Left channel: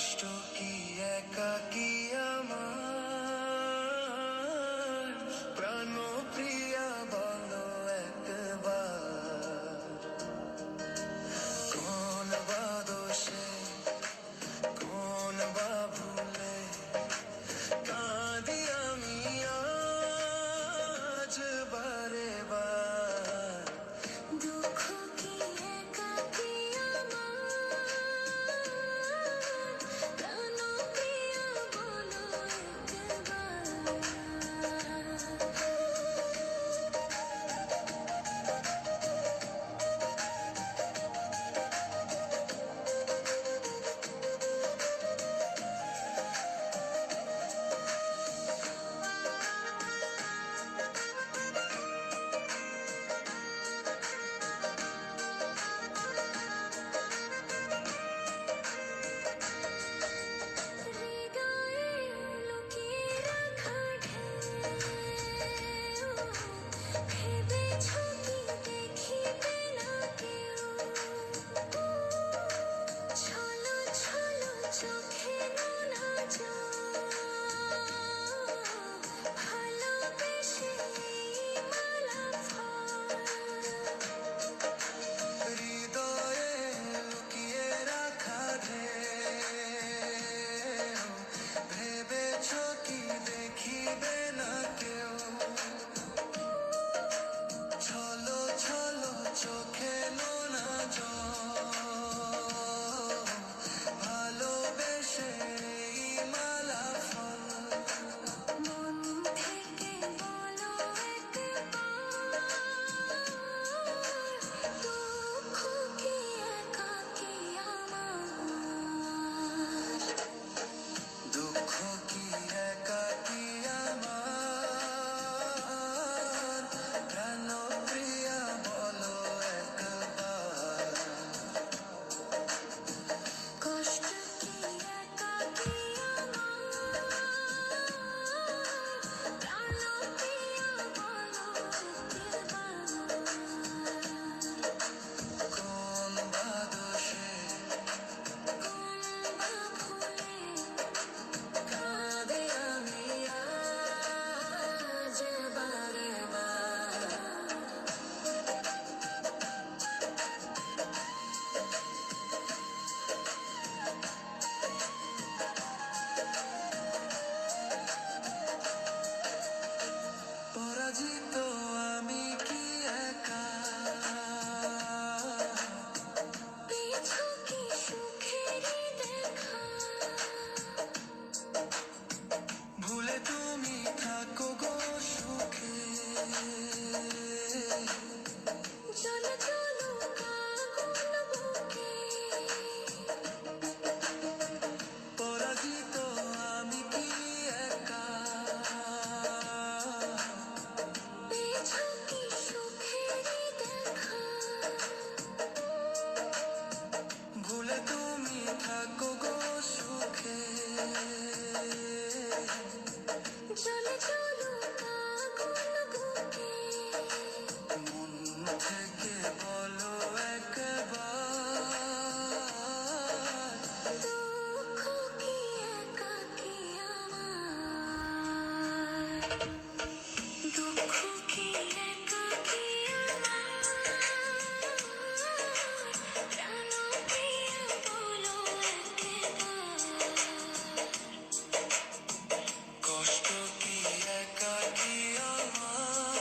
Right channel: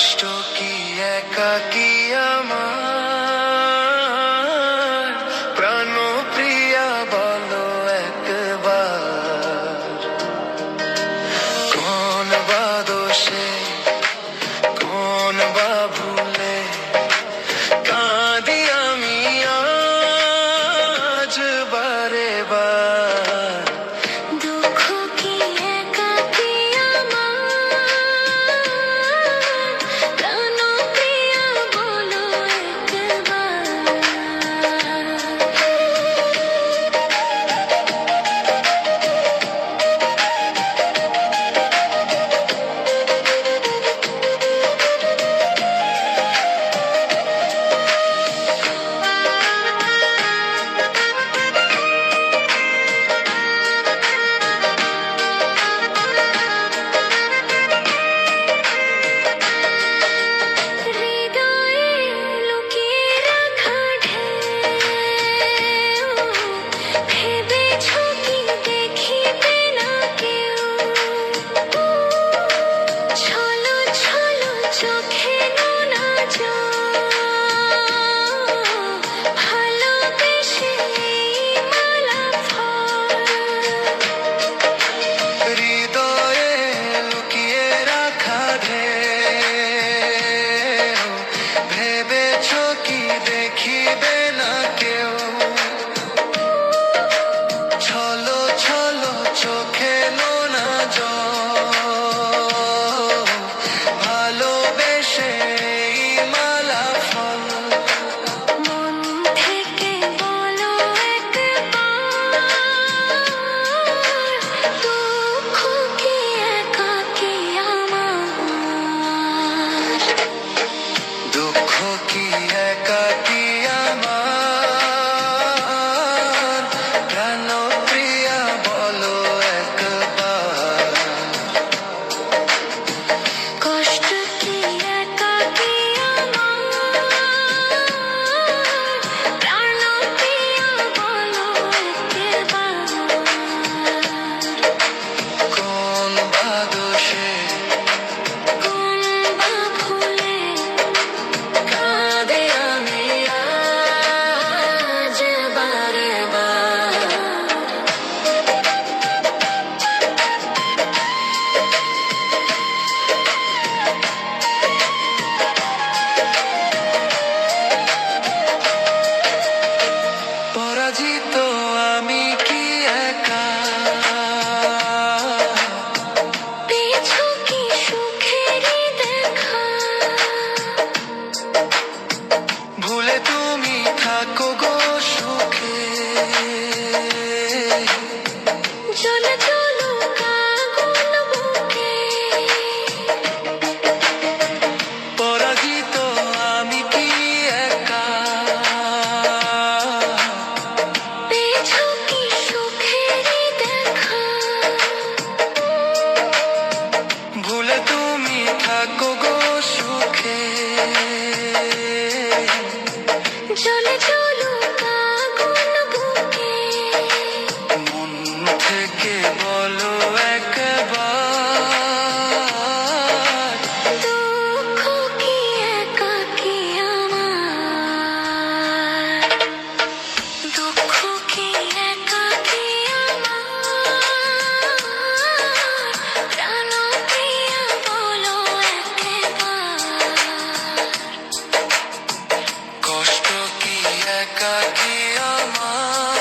কষ্ট কি একাকী আমার প্রাণ প্রিয়া বলো একবার কোন বা দোষে কোন বা ভুলে কাঁদি আমি আজ বারে বার দুঃখ কি একাকী আমার প্রাণ প্রিয়া বলো একবার হৃদয়ে লুকিয়ে রাখা ঢেউ ভেবেছ কি দেখিবে না কেউ ছলো ছলো চোখে নোনা জল ভালোবেসে এই মালা ফল হৃদয়ে লুকিয়ে রাখা ঢেউ ভেবেছ কি দেখিবে না কেউ ছলো ছলো চোখে নোনা জল ভালোবেসে এই মালা ফল মন থেকে বলো একবার দুঃখ কি একাকী আমার দুঃখ কি একাকী আমার প্রাণ প্রিয়া বলো একবার কষ্ট কি একাকী আমার প্রাণ প্রিয়া বলো একবার কোন বা দোষে কোন বা ভুলে কাঁদে আমি আজ বারে বার পরাজিত আমি কি একা পেয়েছো কি সুখেরই দেখা ভুলে তুমি থাকো গো সুখে চলে চলো আগুন বুকে পরাজিত আমি কি একা পেয়েছো কি সুখেরই দেখা ভুলে তুমি থাকো গো সুখে চলে চলো আগুন বুকে মন থেকে বলো একবার দুঃখ কি একাকী আমার দুঃখ কি একাকী আমার প্রাণ প্রিয়া বলো একবার কষ্ট কি একাকী আমার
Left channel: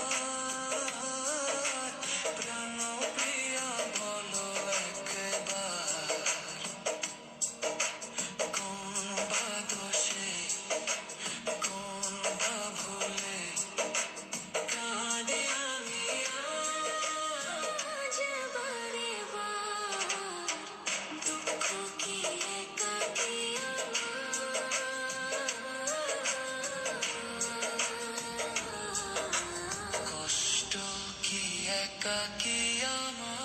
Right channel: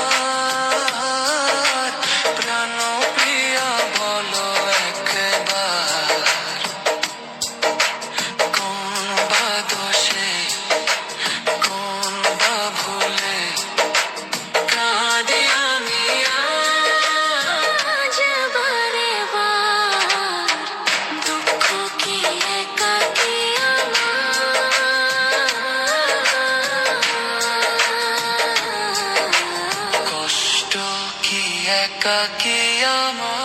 প্রাণ প্রিয়া বলো একবার কোন বা দোষে কোন বা ভুলে কাঁদি আমি আজ বারে বার দুঃখ কি একাকী আমার কষ্ট কি একাকী আমার